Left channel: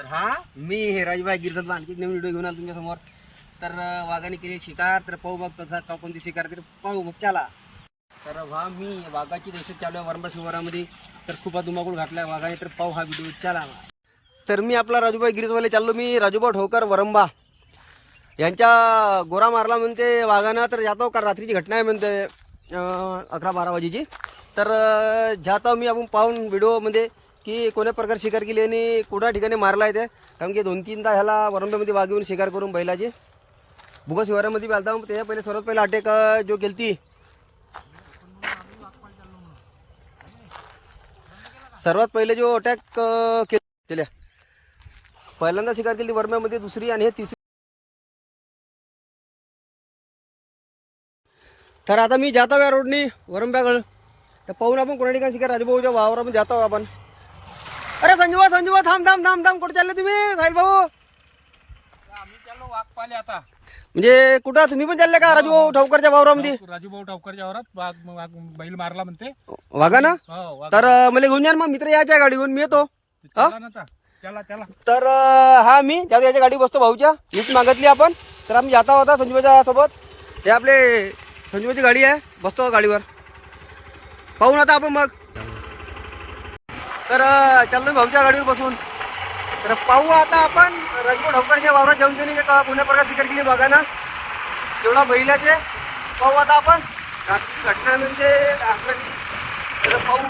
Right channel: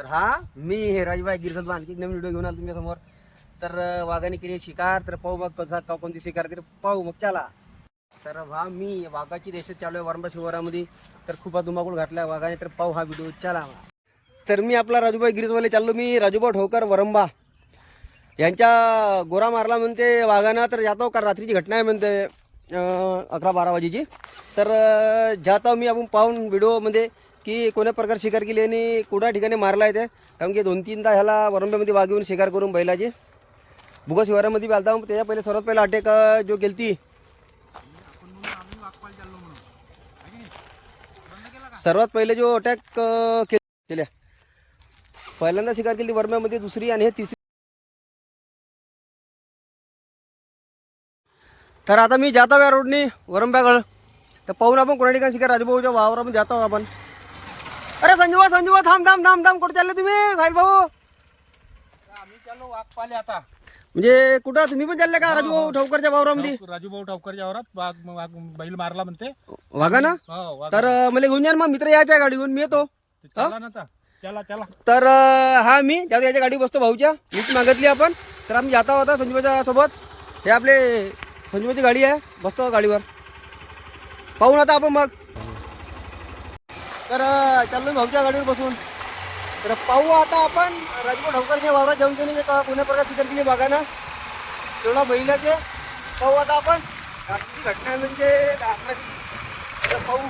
तर हा मी हे राजभाई गिरसत आणखी नवीन व्हिडिओ घेऊन आलो तुमच्यासमोर तर वाघाने केली शिकार तर पाहू मग कसा का कोणती शिकार तर पाहू मग चला. तर हा मी वाघाची दहशत चालू आहे वरंबा शिवारामध्ये. तर खूप धुमाकूळ घातला आहे वाघाने तर पाहू हा व्हिडिओ. चला तर मी आपला राजूभाई गिरीजवाले चाललो. मी राजूभाऊ ठोकर वरंबा. यांच्या गोरा मारला म्हणते वाघानं तर जातो का रात्रीची घटना आहे म्हणते अकरा बारा वाजेची. तर जातो मी आपण पाहून व्हिडिओमध्ये. की कोण्या प्रकार शिकार केली आणि कुठल्या ठिकाणी मारला आहे ते? कारण की दोन तीनदा ह्याला वरंब्यामध्ये वाघ येऊन शिकार करून बैलाची. भुगा शिवारामध्ये बी आलता त्याच्या पहिले सर्वात पहिला अटॅक जो केलती. सर्वात पहिले जो अटॅक केल्या पहिल्यांदा शिकार केली वरम्यामध्ये दुसरी आणि हे तिसरी. तर आता मी जातो या रोडनी वरंब्याकडं. तर पाहून आपण कोणा ठिकाणी शिकार राजभाऊच्या वावरामध्ये जातो आपण. अरे संजीवा संजीवा थांब थांब थांब थांब कुठे चालले तुम्ही? साहिल भाऊ. आम्ही चाललो वाघपाले आता. म्हणजे कुठं? तुम्ही पण चालले का राजभाऊ ठावकरच्या वावरामध्ये? राजू भाऊ ठावकरच्या वरात वाघ वाघ बैल मारला म्हणते. वागा ना? हो वाघ. तर अं, मला घेऊन या ना मग मित्र यायच्या गाडीवरून मी येतो. चला ना आता. चला चला. तर अं, हा मी ज्या याच्या गाडी बसतो भाऊच्या. मीच मागितली आपण. तर आम्ही जाता होता संजीवाच्या सोबत. हे आपले संजीवाची गाडी आहे. बसतो गाडीवर. पाहून आता आपण मग. तर अं, चाललो भाऊच्या गाडीवर बसून. तर पाहू आता आपण राजकोट ढवकरच्या वावरात जाऊन त्यांनी एक पुण्या प्रकार शिकार केली बघा ना तेवढा बैलाचे पाहू आता आपण. रात्रीची घटना म्हणजे अकराची तर पाहू.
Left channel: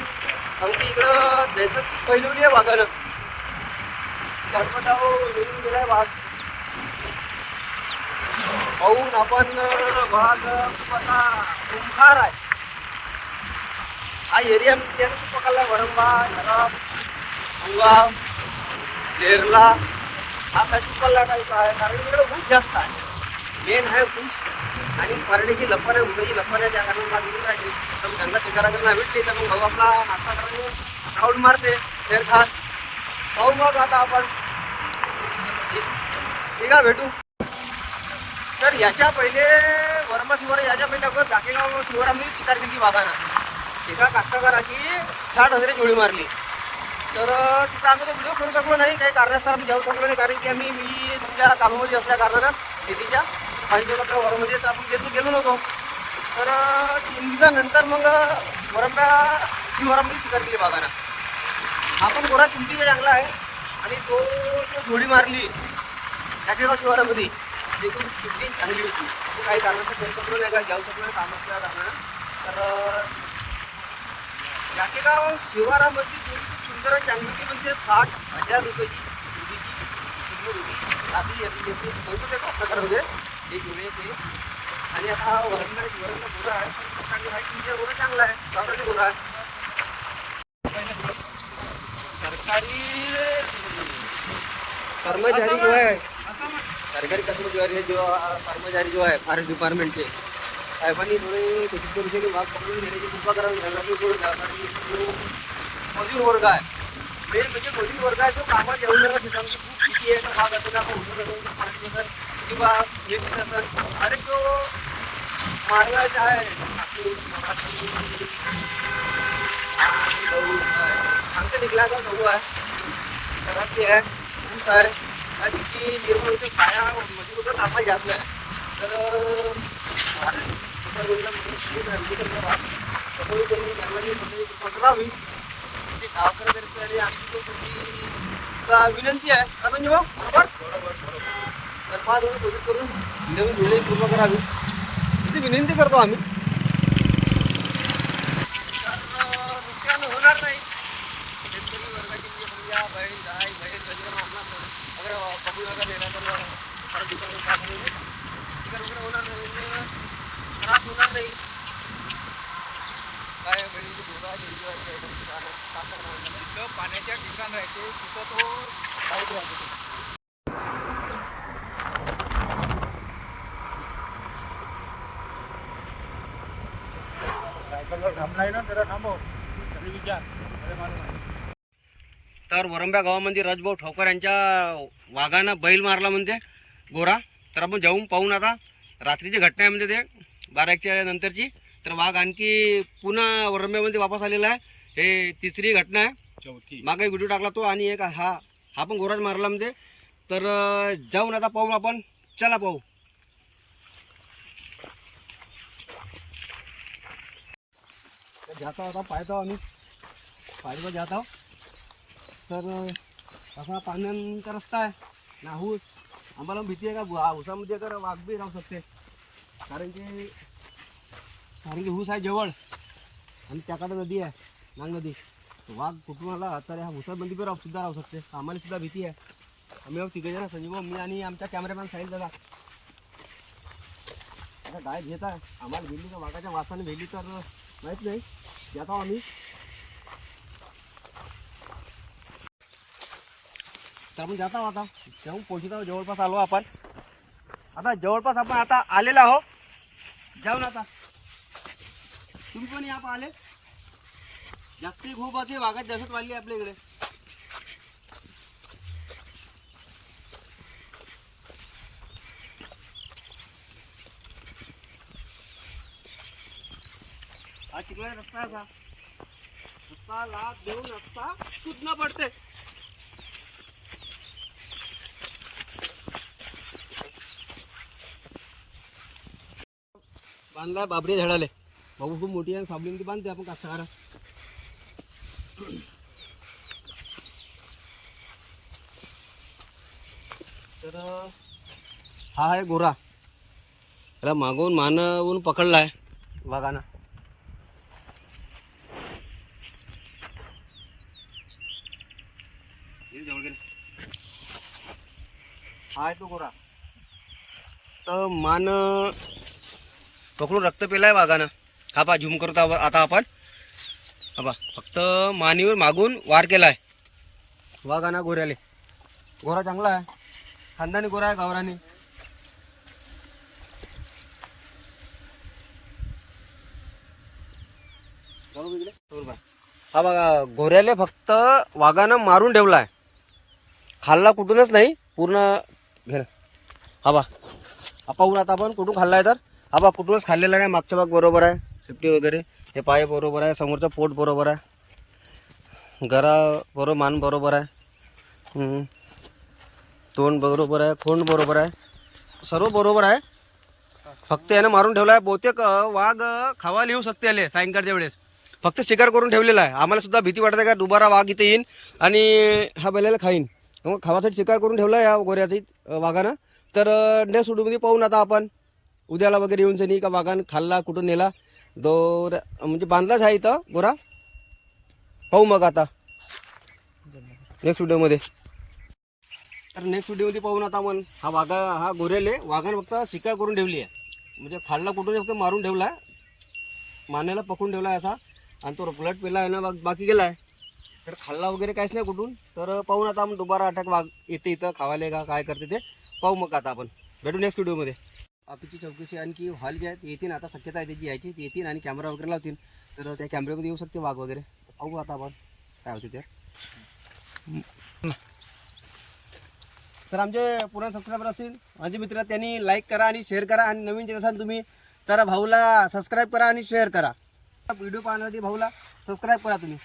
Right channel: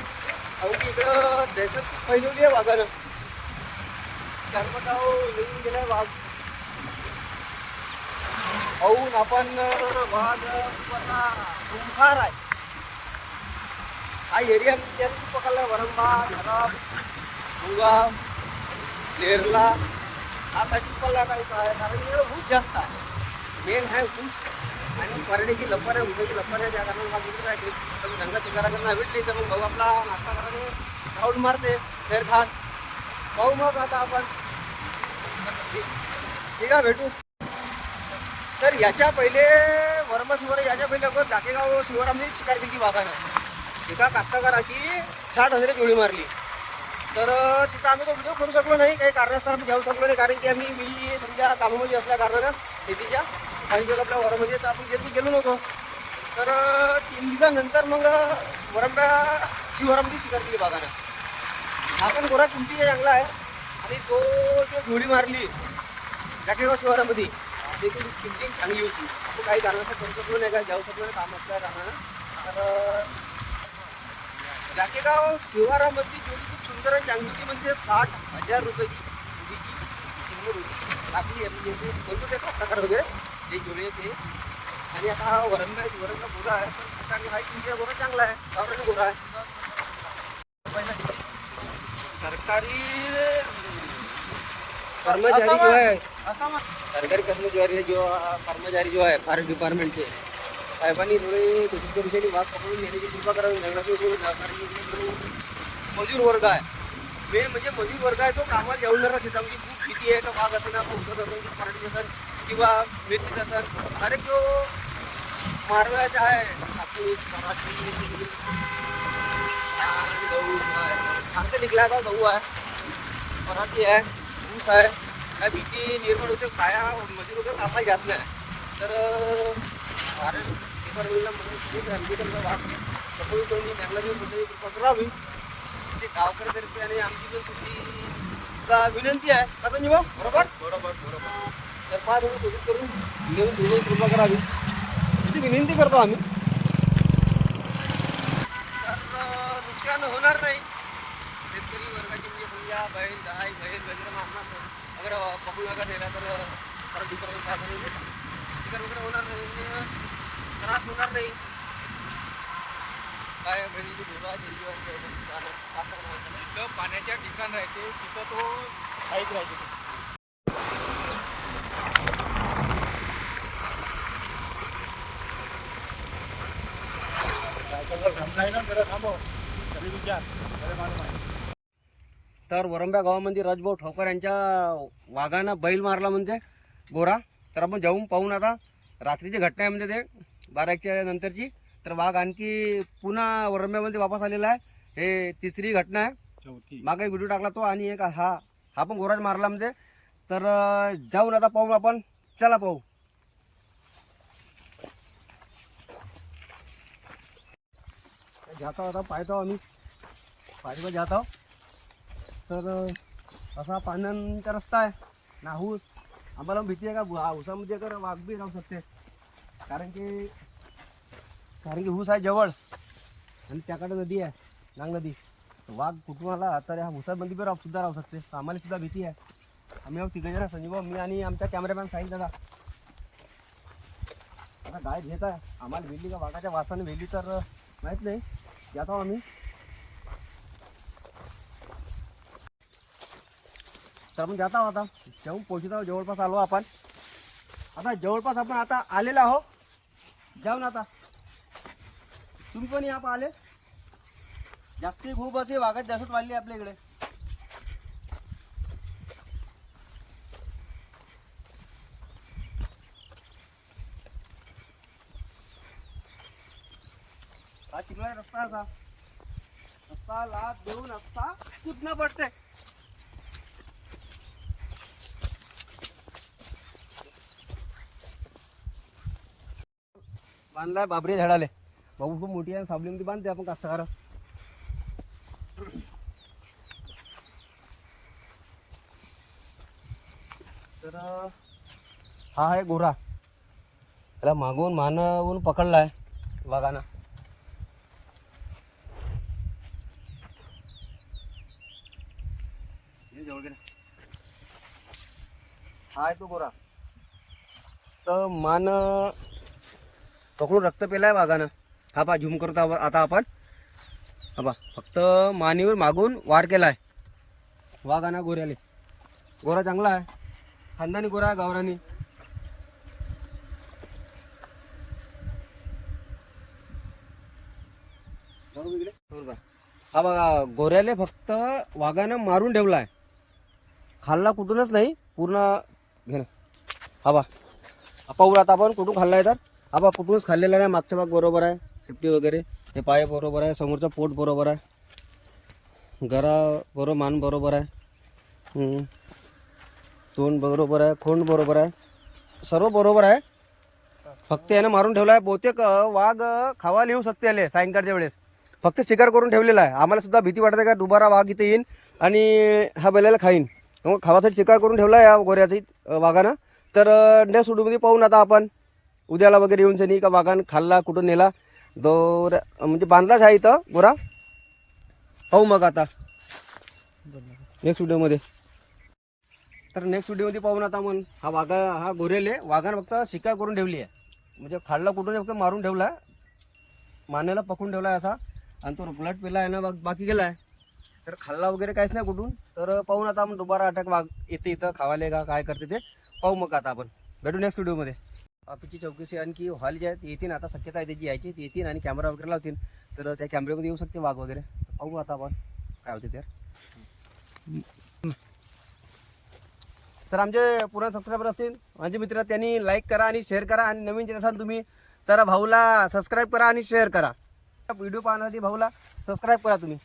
अगदी इकडं दहशत फैलवली आहे वाघानं चारपटाव येऊन गेलाय वाघ पाहून आपण वाघ खूप आता कुंभार आहे. हा एरिया त्याने खूप पकडलाय वरंबा खराब भुगा नेरला. हा साईड पकडला काही कारण इकडे ऊस जास्त आहे. मेन आहे ऊस. आणि परड्याची लपण आहे. उसाची लपण आहे. त्या कारण मला इकडे राहते. तर मग गंगा शिकारा करणं भेटते तर मग भाऊ आपला नाश्ता करायला राऊंड मारते. शेरखान पाहू मग आता आपण. ठीक आहे भेटू. तर याच्या पहिले वर्मा शिवार याच्या पहिले अगोदर डाकेगाव शिवारामध्ये शिकार केली वाघानं. एका कास्तकाराची साठ हजाराची जोडी मारली. तर तिथं आम्ही तो व्हिडिओ करू शकलो नाही. काही कारणास्तव आम्ही जाऊ शकलो नाही. कारण की आम्ही मी समजा कामामध्ये असल्या कारणानं शेतीच्या आणि आपल्या वरामध्ये तर आपण गेलो गेलो नव्हतो. तर तीन दिवसानंतर मग वरंब्या शिवरामची शिकार केली बागानं. हा पण गोरा किमतीचा चांगला आहे. आणि तो जे जोडी मारली जाकेगाव शिवारामध्ये देखील किमती चांगली होती. आपण काही कारणास्तव करू शकलो नाही. का जाऊ शकलो नाही. काम असल्या कारणानं. तर जाकेगाव शिवारामधली जोडी खूप सुंदर आणि चांगली होती. म्हणजे साठ हजार रुपयाची जोडीची किंमत होती. टाकली म्हणजे जसे म्हणतो ते कास्तकार वगैरे ते जोडे ते आणि आता हा वरंगा शिवरंगा गोरा आहे. पण चांगली आहे. तुमच्या गोरा चांगला आहे. गावरानी गोरा आहे. सरकारी कर्मचारी जो आहे. सरकारी कर्मचारी जो कर्मचारी जो आहे फॉरेस्ट डिपार्टमेंटचे. साहेबांनी थोडे घोषित करू शकले वाघ पकडून घेण्याची कृपा करावी. जंगलातून सोडून. जो मजूर वर्ग आहे मेन म्हणजे मजूर वर्ग आहे तो कामाला जाऊन जाणार शेतामध्ये खूप भीती आहे. तो वाघ असेल आपण उसत असेल मराठी असेल किंवा मिरचीत असेल अरे जो मारवायचा आहे. कापूस मराठी गहू आहे. सांगते निघला का गहू आहे. पराठी आहे, ऊस आहे. काय भीती निर्माण होते, काया मजूर वगैरे कामाला जात नाही. तर भारत म्हणजे पोलीस आहे आमची तर वाट त्यामुळे त्यांनी जंगलाची थोडी कृपा करावी. जे गावकऱ्यातर्फे आणि आमची जो तुझी विनंती आहे. का संजीव? बरोबर? बरोबर बरोबर. तर पहा थोडी कोशिश करून नेऊन थोडी कृपा करावी. तुझी विनंती करतो आम्ही. तर नुकसान होणार नाही. शेतकरी वर्गाची म्हणजे समजा बैल गाय बैल वगैरे मारणार अगर पकडून नका दिला तर शिकार वगैरे होणार नाही. त्रास होणार नाही काय बैलीची धोरा जिथं पाण्याच्या ठिकाण राहते तिथं तो साईड राहते विचार तर वरंब्या गावामध्ये राजभाऊ ठोकर यांच्या वाघानं बैल मारला म्हणते गोरा तर आपण जाऊन पाहून आता रात्रीची घटना आहे म्हणजे ते बारा एकच्या नंतरची. तर वाघ आणखी पुन्हा वरंब्यामध्ये वापस आलेला आहे. हे तिसरी घटना आहे. चौथी. मागे व्हिडिओ टाकला तो आणि एक हा हा पण गोराज मारला म्हणजे. तर जाऊन आता पाहू आपण. चला पाहू. जाता आता पाहतो आम्ही. पाहिजे जात आहो तर असा पाण्याचा रस्ता आहे. नाहूस. आम्हाला भीती आहे का? ऊसामध्ये तर वाघ बी राहू शकते. कारण की कारण की ऊस आहे जवळ आणि त्याकडे नदी आहे नांग नदी. वाघ कुठून आला तर ह्या ऊसामध्ये बी राहू सुद्धा राहू शकते. आम्हाला सुद्धा भीती आहे. आम्ही तिघे जण संजीव मी आणि आमच्या कॅमेरामॅन साहिल दादा. आता गाय घेत आहे. आम्हाला भेटली का वाघाच्या वासाने भेटली तर माहीत नाही. जातो आम्ही. तर आपण जात आहोत आता. जाऊन पोहोचत आहोत जवळपास आलो आपण. आता जवळपास आपण आता आलेलो आहो जाऊन आता. तुम्ही पण या पाहिले जास्ती खूप असे वाघात दहशत वाढली आपल्या इकडे. हा चिखला रस्ता असा? रस्ता लाद देऊन रस्ता सुटणं पडते बांधलाय बाबरी झाडाले. बाबू खूप मोठी आहे साबली ती बांधते आपण कास्तकारा तर हा आहे गोरा. त्याला मागून मानावून पकडलाय वाघानं. हाय हा आहे तो गोरा. तर मान पकडून रक्त पेलाय वाघानं. हा पा झूम करतो आता आपण. हा पा फक्त मानेवर मागून वार केलाय. वाघाना गोऱ्याले. गोरा चांगला आहे. खानदानी गोरा आहे गावरानी. हा बघा गोऱ्याले फक्त वाघानं मारून ठेवलाय. खाल्ला कुठूनच नाही पूर्ण घे हा बा हा पाहू आता आपण कुठून खाल्लाय तर. हा बा कुठूनच खाल्लेला नाही मागचा भाग बरोबर आहे सेफ्टी वगैरे हे पाय बरोबर आहे समोरचं पोट बरोबर आहे गरा बरोबर मान बरोबर आहे तोंड बरोबर आहे खोंड बरोबर आहे सर्व बरोबर आहे फक्त यानं मारून ठेवला आहे बहुतेक वाघ खावा खावायला येऊ शकते आले सायंकाळच्या वेळेस. फक्त शिकार करून ठेवलेला आहे. आम्हाला सुद्धा भीती वाटते का दुबारा वाघ इथे येईन आणि हा बैलाला खाईन. मग खावासाठी शिकार करून ठेवला आहे या गोऱ्याची वाघानं. तर नेक्स्ट व्हिडिओमध्ये पाहून आता आपण. उद्याला वगैरे येऊन सनी का वाघान खाल्ला कुठून नेला. दोर म्हणजे बांधलाच आहे इथं गोरा. पाहू मग आता. नेक्स्ट व्हिडिओमध्ये तर नेक्स्ट व्हिडिओमध्ये पाहून आता मग हा वाघा हा गोरेले वाघानं फक्त शिकार करून ठेवली आहे. म्हणजे खाल्ला कुठून फक्त मारून ठेवला आहे. मानेला पकडून ठेवला आहे असा. आणि तो ब्लड पेला आहे ना बा- बाकी गेला आहे. तर खाल्ला वगैरे काहीच नाही कुठून. तर पाहून आता आपण दुबारा अटॅक वाघ येते इथं खावाले का काय करते ते. पाहू मग आता आपण. भेटू नेक्स्ट व्हिडिओमध्ये आपली चौकशी आणखी हॉल जे आहेत येतील. आता शक्यता आहे त्याची यायची. ते येतील आणि कॅमेरा वगैरे लावतील. तर त्या कॅमेऱ्यामध्ये येऊ शकते वाघ वगैरे. पाहू आता आपण काय होते ते. तर आमचे पुराण सबस्क्रायबर असतील माझे मित्र त्यांनी लाईक करा आणि शेअर करा. आणि नवीन जे असाल तुम्ही तर भाऊला सबस्क्राईब करा आणि शेअर करा. व्हिडिओ पाहण्यासाठी भाऊला सबस्क्राईब करा तुम्ही.